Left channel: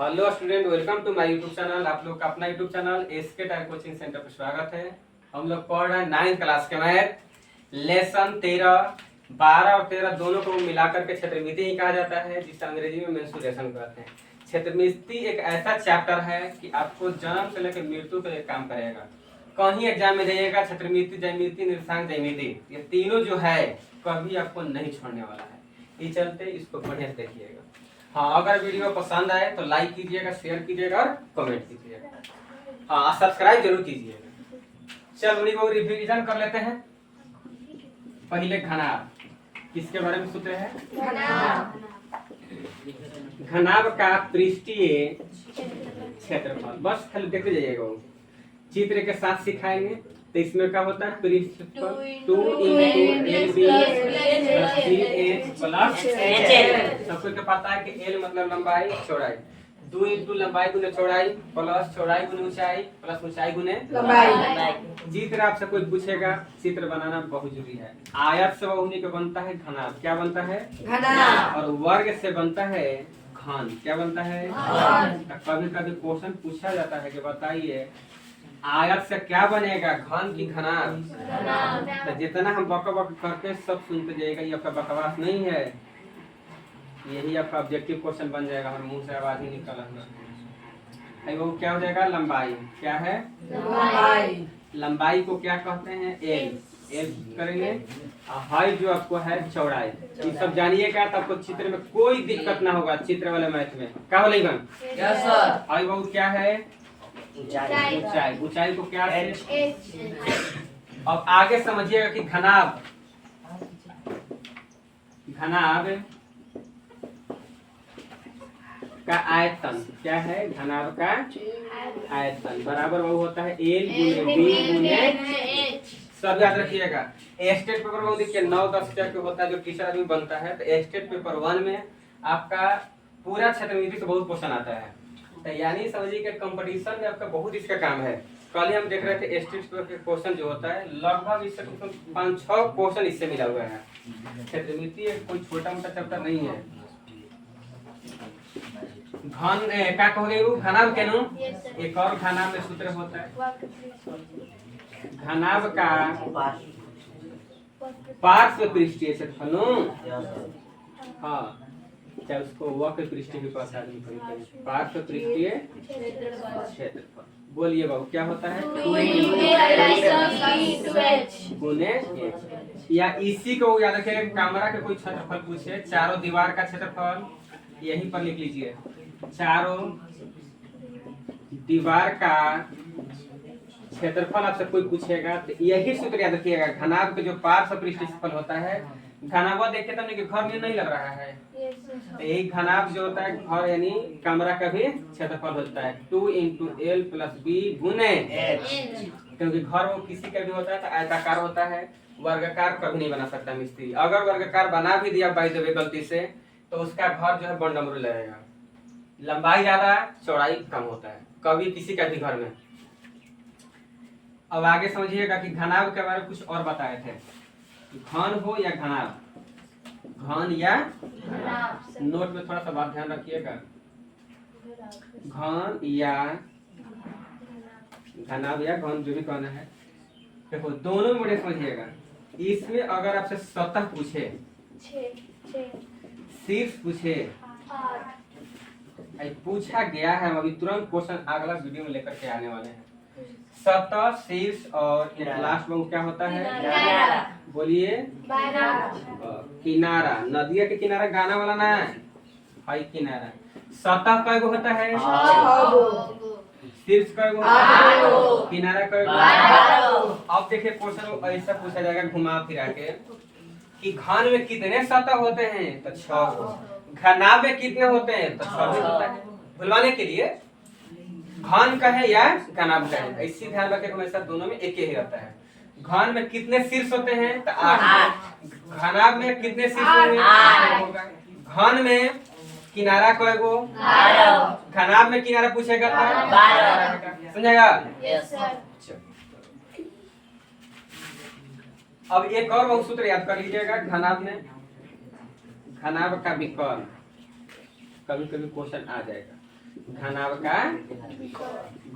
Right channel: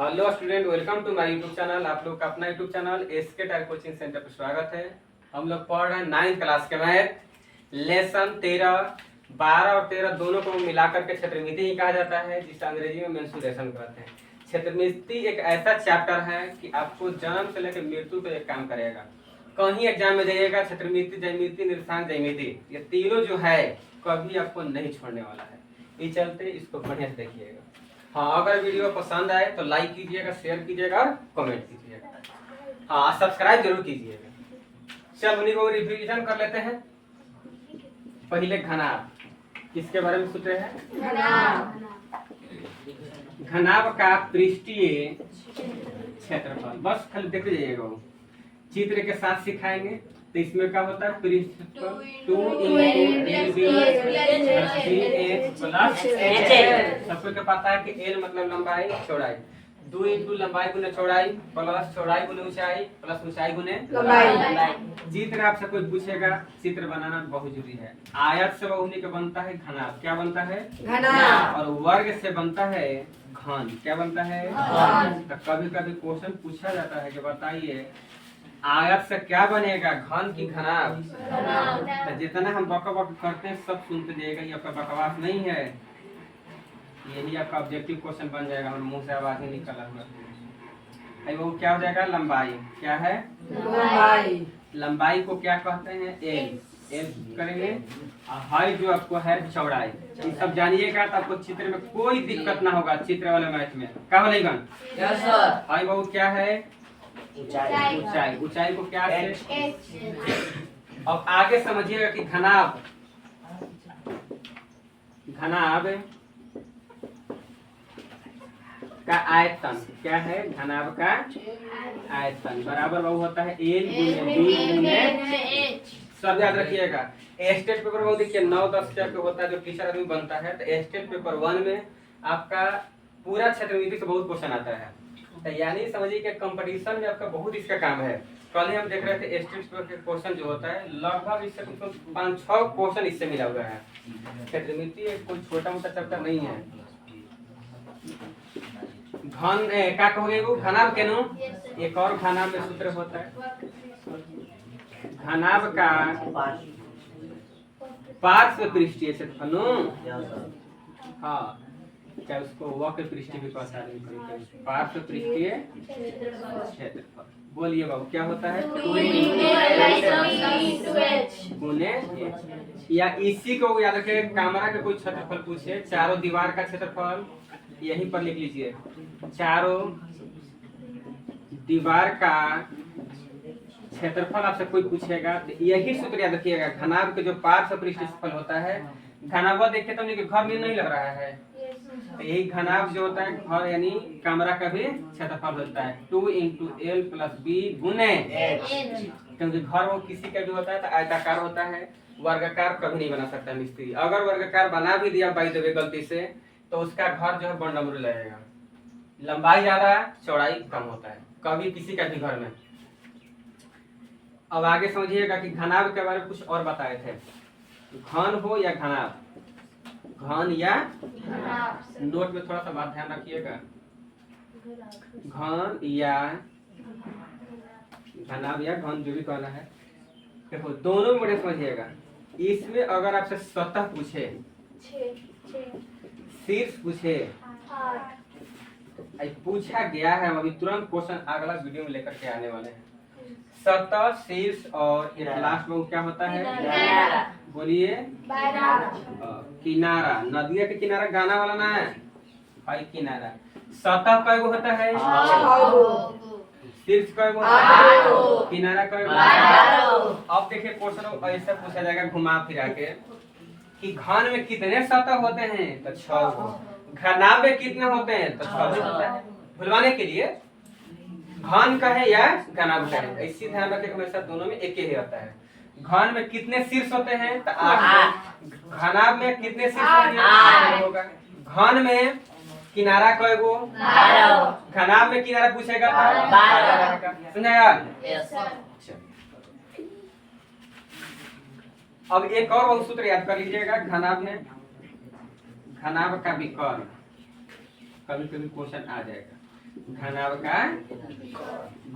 Hello student, welcome to my YouTube channel. आप लोग का अपना YouTube channel SK type coaching centre पर स्वागत है। हम लोग पढ़ रहे हैं 9th क्लास के मैथ लेसन 13, 12 और 13 दोनों को मिलाकर के क्षेत्रमिति ही कहा जाता है, जिसे अंग्रेजी में मेंसुरेशन कहते हैं। क्षेत्रमिति एक ऐसा चैप्टर है कि आपको जन्म से लेकर मृत्यु पर काम करेगा। कहीं एग्जाम में जाइएगा, क्षेत्रमिति, ज्यामिति, निर्देशांक, ज्यामिति, ये तीनों जो है कभी आपको नहीं छोड़ने वाला है। इस चलते इसको बढ़िया से देखिएगा। हाँ, अगर वीडियो पसंद आए तो लाइक कीजिएगा, शेयर कीजिएगा और कमेंट कीजिएगा। हाँ, सब्सक्राइब जरूर कीजिएगा। चल उन्हीं को रिवीजन कर लेते हैं। पहले घनाभ, किसके बारे में सोचे हैं? घनाभ का पृष्ठीय क्षेत्रफल, बस खाली देखते जाइएगा। वो चित्र के साथ सिखाएंगे। तो इसमें क्या होता है? पृष्ठफल 2 × LB + BH + HL। सबको क्या पता है कि L मतलब लंबाई, चौड़ाई, 2 × लंबाई गुने चौड़ाई प्लस चौड़ाई गुने ऊंचाई प्लस ऊंचाई गुने लंबाई। चित्र आपसे कोई पूछेगा, चित्र बनाना बहुत जरूरी है। आयत से बहुनी का बनता है घनाभ। क्या बनता है? घनाभ। और वर्ग से बनता है घन। क्या बनता है? घन। कभी कभी क्वेश्चन पूछा जाता है कि बताइए आयत से क्या बनेगा, घन की घनाभ? तो जितना हम बक बक करते हैं सब सुनते जाइएगा, ये आपका बकवास नहीं है, यही आपका ऑब्जेक्टिव क्वेश्चन बन जाएगा। और मुंह से आवाज ही निकल है वो क्या हो जाएगा? लंबाई। क्या है? लंबाई। लंबाई को क्या कहते हैं? एल। एल करेंगे। हाइट जो आपको है चौड़ाई। ये सब जानिएगा तो आपको चित्र में कोई दिक्कत ना होगा। चित्र वाले मैथ में क्या हो लेगा? हाइट बहुत क्या है? ऊंचाई। ऊंचाई को क्या है? अब आगे समझिएगा कि घनाभ, घनाभ का आयतन क्या है? घनाभ का आयतन बराबर वो होता है L × B × सब याद रखिएगा। स्टेट पेपर में देखिए 9-10 का होता है जो टीचर आदमी बनता है। तो स्टेट पेपर 1 में आपका पूरा क्षेत्रमिति से बहुत क्वेश्चन आता है। तो यानी समझिए कि कंपटीशन में आपका बहुत इसका काम है। कल ही हम देख रहे थे स्टेट पेपर के क्वेश्चन जो होता है लगभग इससे 5-6 क्वेश्चन इससे मिला हुआ है। क्षेत्रमिति कोई छोटा मोटा चैप्टर नहीं है। घन क्या कहोगे? वो घनाभ के नो एक और घनाभ में सूत्र होता है। घनाभ का पार्श्व पृष्ठीय क्षेत्रफल। हाँ, क्या उसको वक्र पृष्ठीय भी कहता है? पार्श्व पृष्ठीय क्षेत्रफल। बोलिए बाबू क्या होता है? 2 गुने h। या इसी को याद रखिए, कमरा के कोई क्षेत्रफल पूछे, चारों दीवार का क्षेत्रफल यहीं पर लिख लीजिए। चारों दीवार का क्षेत्रफल आपसे कोई पूछेगा तो यही सूत्र याद रखिएगा। घनाभ के जो पार्श्व पृष्ठीय क्षेत्रफल होता है, घनाभ देखे तो घर में नहीं लग रहा है, तो यही घनाभ जो होता है घर यानी कमरा का भी क्षेत्रफल होता है 2 × L + B × H। क्योंकि घर वो किसी का भी होता है तो आयताकार होता है, वर्गाकार कभी नहीं बना सकता मिस्त्री। अगर वर्गाकार बना भी दिया बाय द वे गलती से तो उसका घर जो है बंडमरू लगेगा। लंबाई ज्यादा, चौड़ाई कम होता है कभी किसी का भी घर में। अब आगे समझिएगा कि घनाभ के बारे में कुछ और बताए थे। घन हो या घनाभ, घन या नोट में थोड़ा सा बात ध्यान रखिएगा। घन या घनाभ या घन जो भी कहना है, देखो दोनों में बड़े समझिएगा। इसमें अगर आपसे सतह पूछे, शीर्ष पूछे, पूछा गया है, हम अभी तुरंत क्वेश्चन अगला वीडियो में लेकर के आने वाले हैं। सतह, शीर्ष और लास्ट में क्या होता है? बोलिए किनारा। नदिया के किनारा गाना वाला ना है किनारा। सतह कय गो होता है? शीर्ष कय गो? किनारा कय गो? अब देखिए क्वेश्चन ऐसा पूछा जाएगा घुमा फिरा के कि घन में कितने सतह होते हैं? तो 6 गो। घनाभ में कितने होते हैं? तो 6 होता है। भुलवाने के लिए घन कहे या घनाभ कहे, ऐसी ध्यान रखें हमेशा दोनों में एक ही होता है। घन में कितने शीर्ष होते हैं? तो 8। घनाभ में कितने शीर्ष होगा? घन में किनारा कय गो? 12। घनाभ में किनारा पूछेगा तो 12। समझेगा? अब एक और बहुत सूत्र याद कर लीजिएगा। घनाभ में घनाभ का विकर्ण कभी कभी क्वेश्चन आ जाएगा। घनाभ का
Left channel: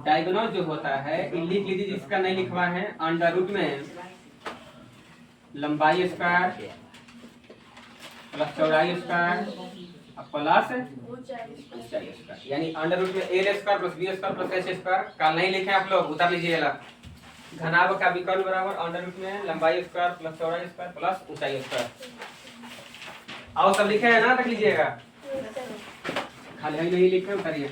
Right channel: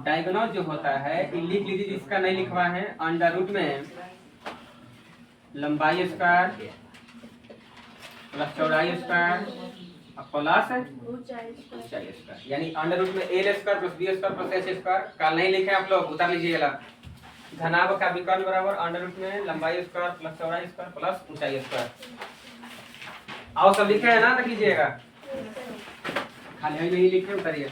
डायगोनल जो होता है ये लिख लीजिए, जिसका नहीं लिखवा है, अंडर रूट में लंबाई स्क्वायर प्लस चौड़ाई स्क्वायर प्लस ऊंचाई स्क्वायर, यानी अंडर रूट में L square plus B square plus H square. कल नहीं लिखे आप लोग, उतार लीजिएगा। घनाभ का विकर्ण बराबर अंडर रूट में लंबाई स्क्वायर प्लस चौड़ाई स्क्वायर प्लस ऊंचाई स्क्वायर। आओ सब लिखे है ना, तक लीजिएगा, खाली नहीं लिखे उतारिए।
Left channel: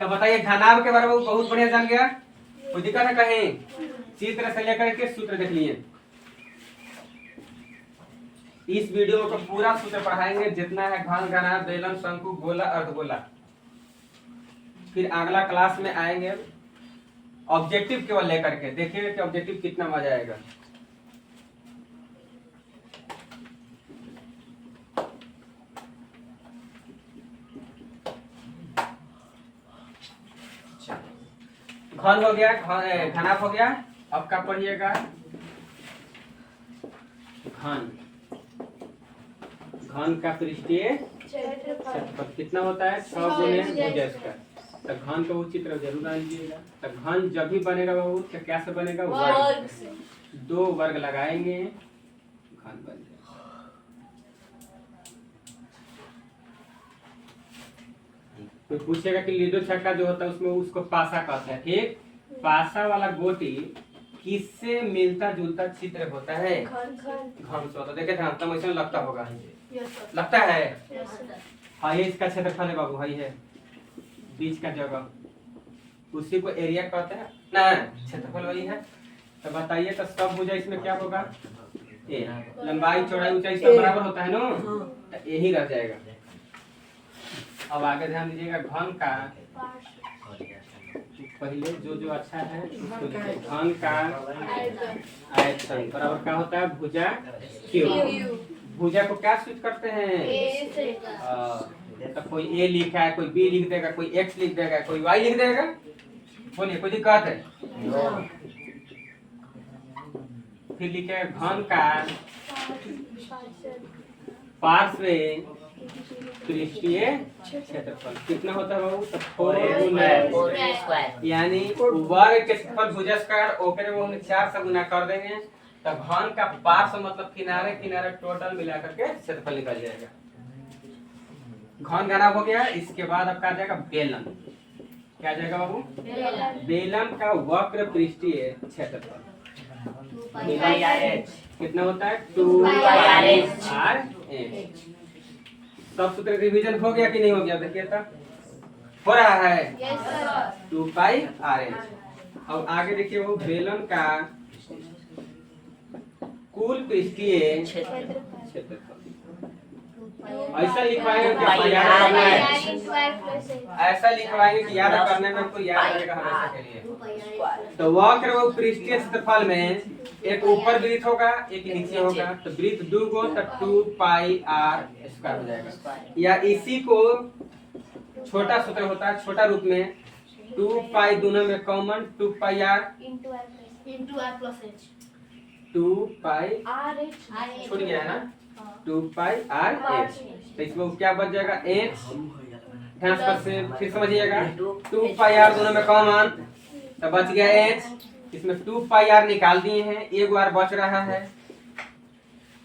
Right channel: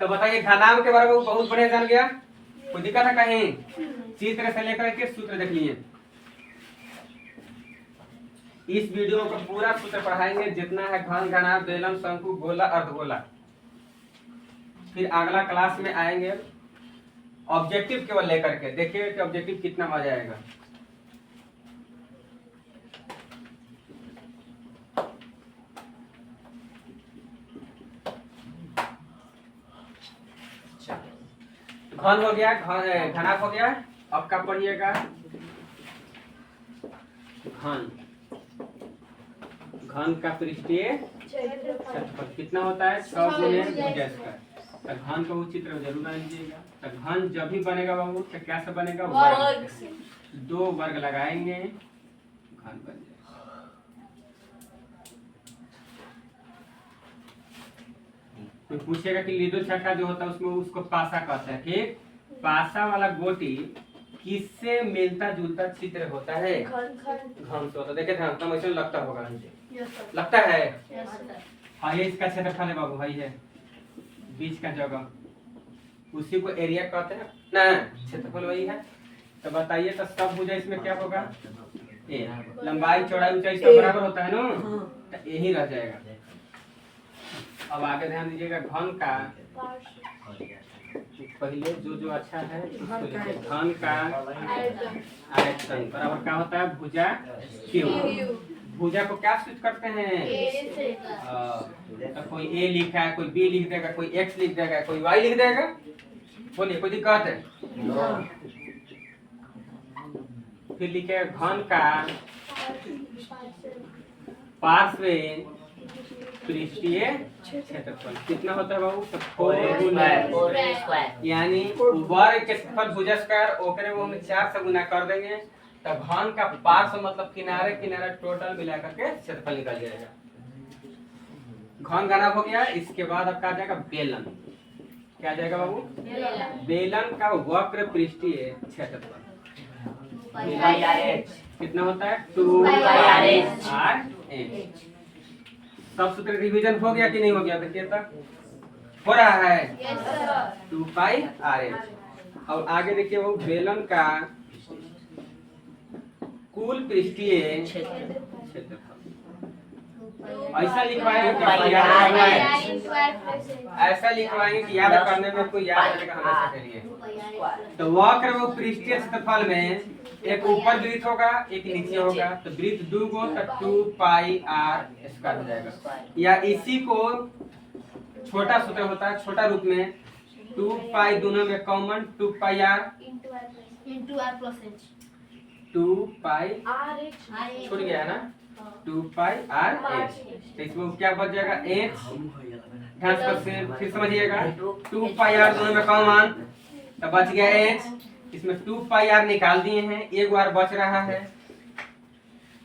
तो बताइए घनाभ के बराबर बहुत बढ़िया जान गया, कोई दिक्कत है कहीं? चित्र से लेकर के सूत्र देख लिए। इस वीडियो को पूरा सूत्र पढ़ाएंगे, जितना है घन, घनाभ, बेलन, शंकु, गोला, अर्धगोला। फिर अगला क्लास में आएंगे ऑब्जेक्टिव केवल लेकर के, देखिए कि ऑब्जेक्टिव कितना मजा आएगा। घन हो गया, घनाभ हो गया। अब क्या पढ़िएगा? घन, घन का पृष्ठीय क्षेत्रफल कितना होता है? 6 गुणे भुजा स्क्वायर। तो घन का वो चित्र जरूर बना लीजिएगा। तो घन जब भी बनेगा बाबू तो क्या से बनेगा? वर्ग से। 2 वर्ग लगाएंगे, घन बन जाएगा। तो पूछेगा कि लीडो छक्का जो होता है उसमें उसको पासा कहते हैं, ठीक? पासा वाला गोटी किससे मिलता जुलता चित्र होता है? घन से होता। देखे थे तब ऐसा लगता होगा, लगता है। हाँ, ये इसका क्षेत्रफल है बाबू, भाई है बीच का जगह, उसी को एरिया कहते हैं ना, क्षेत्रफल वही है। तो बताइए, तो सब भुजा इसमें क्या होगा? ए। लंबाई चौड़ाई ऊंचाई सब बराबर होता है ना, तो यही रह जाएगा। अब आगे ध्यान दीजिएगा, घन का पहले जो अच्छा है उसको लिखिए। घन का आयतन बराबर क्या होता है? भुजा क्यू। भुजा को क्या सूचित करते हैं? तो कोई ए लिखा है, कोई बी लिख देगा, कोई एक्स लिख देगा, कोई वाई लिख देगा। बोलिए, कोई दिक्कत है? फिर लिखे घन का पार्श्व पृष्ठीय क्षेत्रफल कितना होता है बाबू? 4 गुना, यानी वर्ग के क्षेत्रफल भुजा स्क्वायर, ओकरे वो हम 4 से गुना कर देंगे। तो घन का पार्श्व मतलब किनारे किनारे टोटल मिलाकर के क्षेत्रफल निकल जाएगा। घन घनाभ हो गया। इसके बाद अब क्या जाएगा? बेलन। क्या जाएगा बाबू? बेलन का वक्र पृष्ठीय क्षेत्रफल कितना होता है? 2πr/h। सब सूत्र रिवीजन हो गया कि नहीं हो गया? देखिए तो हो रहा है। 2πr/h। अब आगे देखिए, वो बेलन का कुल पृष्ठीय क्षेत्रफल ऐसा लिखवाएंगे कि याद करना है, ऐसा लिखवाएंगे कि याद करने में कोई याद करेगा हमेशा के लिए। तो वक्र वो पृष्ठीय क्षेत्रफल में एक ऊपर वृत्त होगा, एक नीचे होगा। तो वृत्त 2 गो, तो 2πr² हो जाएगा। या इसी को छोटा सूत्र होता है, छोटा रूप में 2π दोनों में कॉमन, 2πr छूट गया है ना, 2πr/h। तो इसमें क्या बच जाएगा? h। ध्यान से फिर समझिएगा, 2πr दोनों में कॉमन, तो बच गया h। इसमें 2πr निकाल दिए हैं, एक बार बच रहा है।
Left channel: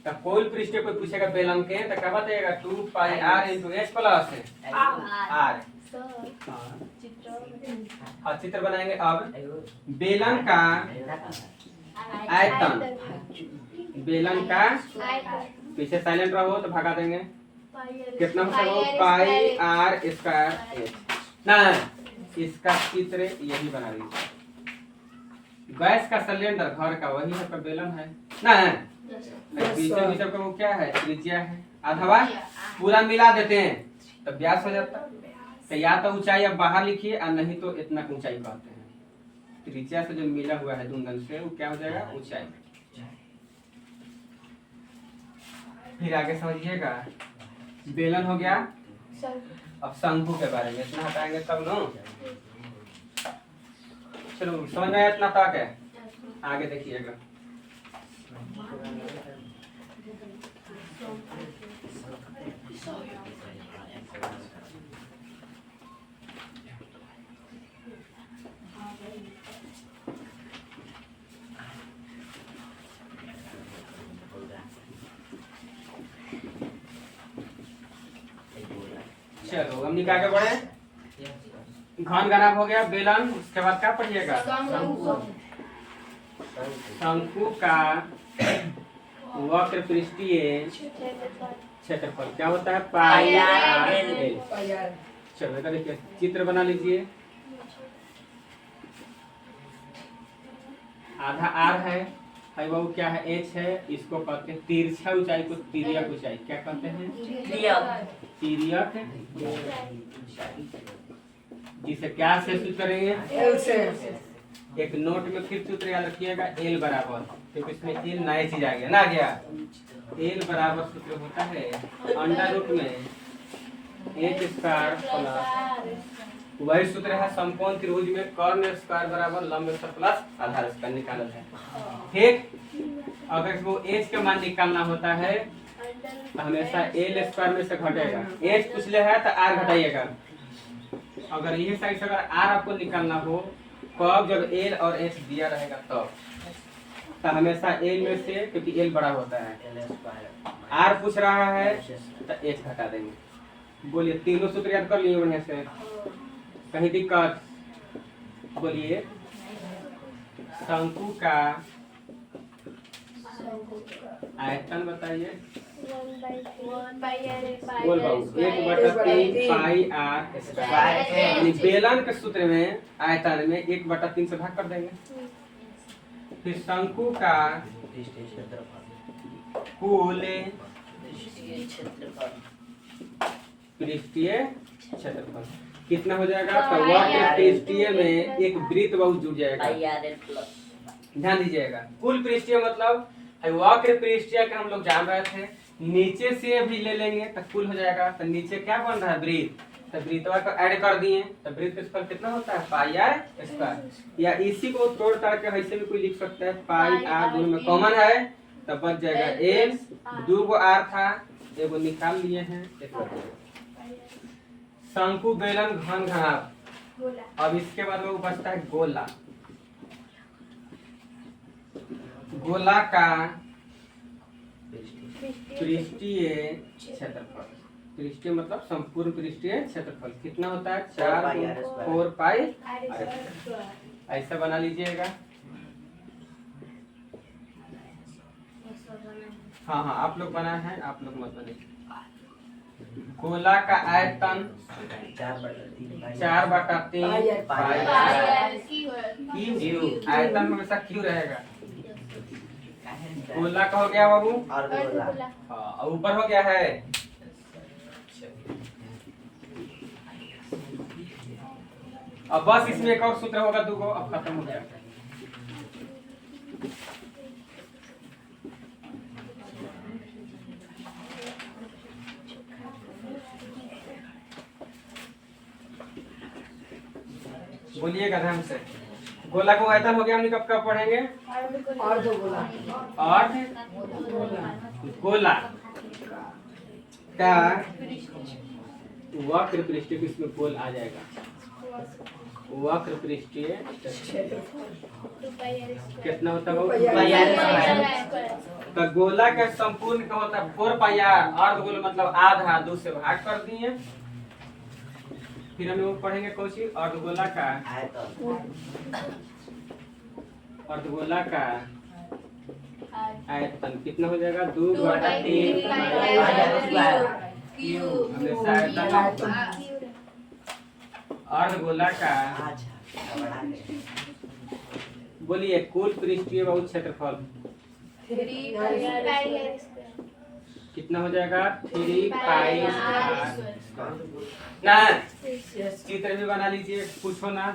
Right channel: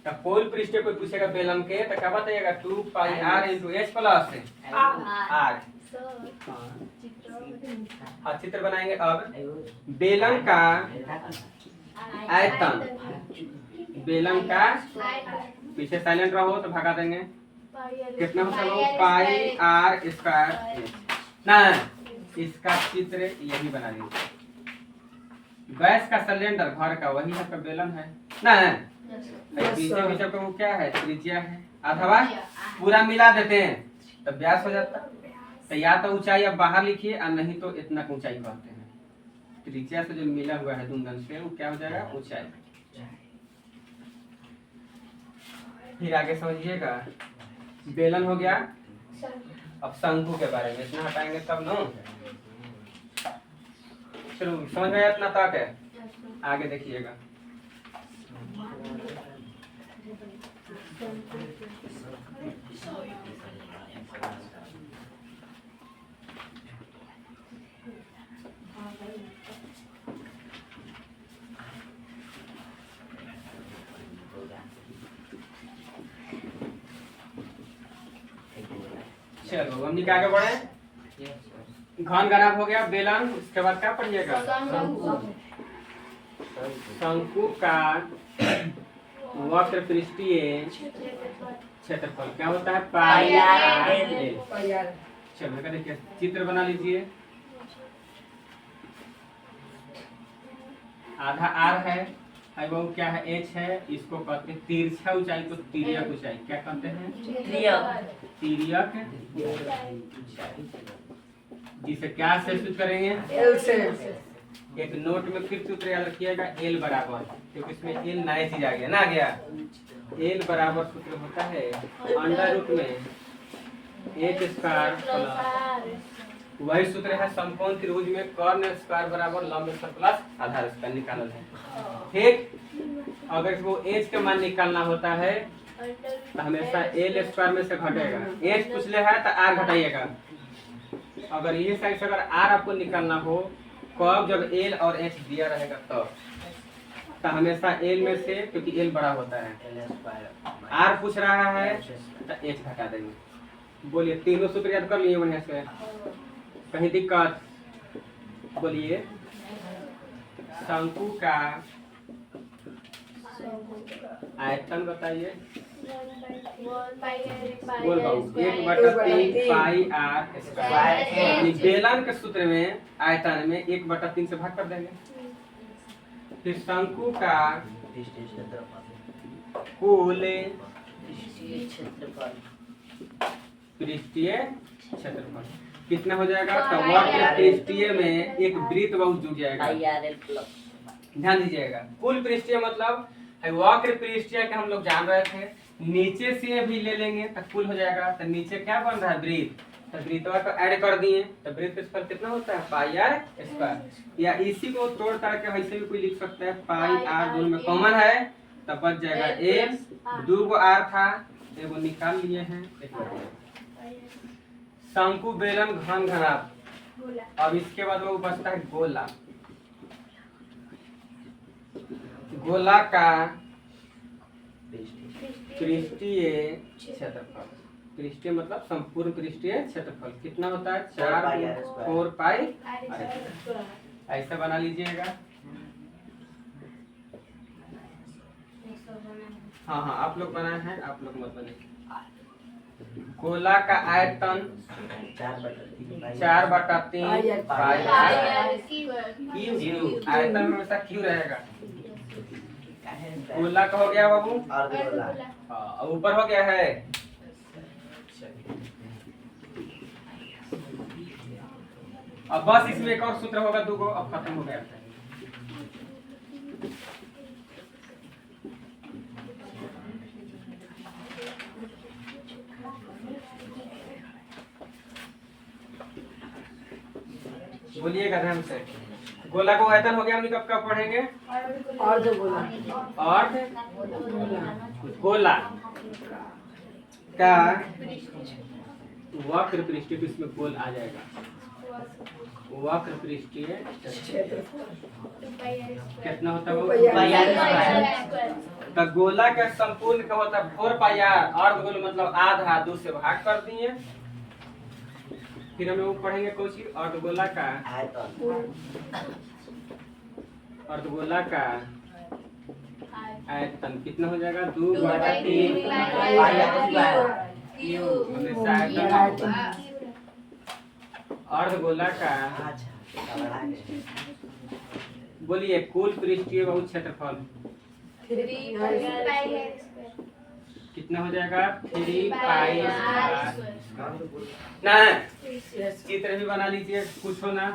तो कोई पृष्ठ कोई पूछेगा बेलन के, तो क्या बताइएगा? 2πr × h plus r। चित्र बनाएंगे। अब बेलन का आयतन, बेलन का, पीछे साइलेंट रहो तो भगा देंगे, कितना होता है? πr² ना, इसका चित्र यही बना दीजिए। गैस का सिलेंडर घर का वही है, बेलन है ना, बीच का वो क्या है? त्रिज्या है। अथवा पूरा मिला देते हैं तो व्यास हो जाता। तो या तो ऊंचाई अब बाहर लिखिए, और नहीं तो इतना ऊंचाई कहते हैं। त्रिज्या से जो मिला हुआ है दूंदन से, वो क्या हो जाएगा? ऊंचाई। फिर आगे समझिएगा, बेलन हो गया। अब शंकु के बारे में इतना हटाएंगे तब नो, चलो समझ में आया इतना तक है। आगे देखिएगा, चलो हम आगे बढ़े। घन घनाभ हो गया बेलन, उसके बाद क्या पढ़िएगा? शंकु का वक्र पृष्ठीय क्षेत्रफल क्या होता है? पाई आर एल। चलो देखिए चित्र बना लीजिए। आधा आर है वो क्या है? एच है। इसको कहते हैं तिरछा ऊंचाई को तिर्यक ऊंचाई क्या कहते हैं? तिर्यक। जिसे क्या से सूत्र करेंगे? एल से। एक नोट में फिर सूत्र याद रखिएगा, एल बराबर, क्योंकि इसमें एल नया चीज आ गया ना, गया एल बराबर सूत्र होता है अंडर रूट में एच स्क्वायर प्लस, वही सूत्र है समकोण त्रिभुज में कर्ण स्क्वायर बराबर लंब स्क्वायर प्लस आधार स्क्वायर निकालल है। ठीक, अगर वो एच का मान निकालना होता है तो हमेशा एल स्क्वायर में से घटेगा। एच पूछ ले है तो आर घटाइएगा। अगर ये साइड से अगर आर आपको निकालना हो कब? जब एल और एच दिया रहेगा तब। तो हमेशा एल में से, क्योंकि एल बड़ा होता है, आर पूछ रहा है तो एच घटा देंगे। बोलिए तीनों सूत्र याद कर लिए बढ़िया से, कहीं दिक्कत? बोलिए शंकु का आयतन बताइए। बोल बाबू 1/3 पाई आर स्क्वायर। बेलन के सूत्र में आयतन में 1/3 से भाग कर देंगे। फिर शंकु का कुल पृष्ठीय क्षेत्रफल कितना हो जाएगा? तो वक्र पृष्ठीय में एक वृत्त बहुत जुड़ जाएगा। ध्यान दीजिएगा, कुल पृष्ठीय मतलब वक्र पृष्ठीय का हम लोग जान रहे थे, नीचे से भी ले लेंगे तो कुल हो जाएगा। तो नीचे क्या बन रहा है? वृत्त। तो वृत्तवा को ऐड कर दिए तो वृत्त का स्क्वायर कितना होता है? पाई आर स्क्वायर। या इसी को तोड़ ताड़ के ऐसे भी कोई लिख सकता है, पाई आर दोनों में कॉमन है तो बच जाएगा एल। 2 आर था, एगो निकाल लिए हैं। शंकु बेलन घन घनाभ। अब इसके बाद में बचता है गोला। गोला का पृष्ठीय क्षेत्रफल, पृष्ठीय मतलब संपूर्ण पृष्ठीय क्षेत्रफल कितना होता है? 4 पाई। ऐसा बना लीजिएगा। हाँ हाँ आप लोग बनाए हैं, आप लोग मत बने। गोला का आयतन 4/3 पाई आर क्यू। आयतन हमेशा क्यू रहेगा। गोला का हो गया बाबू, और ऊपर हो गया है। अब बस इसमें एक और सूत्र होगा 2 को, अब खत्म हो गया। बोलिएगा ध्यान से। गोला को आयतन हो गया, हम कब कब पढ़ेंगे? अर्ध गोला। और गोला का वक्र पृष्ठीय, इसमें गोल आ जाएगा। वक्र पृष्ठीय कितना होता है? तो गोला का संपूर्ण का होता है 4 पाई आर। अर्ध गोल मतलब आधा, 2 से भाग कर दिए। फिर हम लोग पढ़ेंगे कोची अर्धगोला का अर्धगोला का आयतन कितना हो जाएगा? 2/3 अर्धगोला का। बोलिए कुल पृष्ठीय बहुत क्षेत्रफल कितना हो जाएगा? 3 पाई आर। ना चित्र भी बना लीजिए, पूछो ना।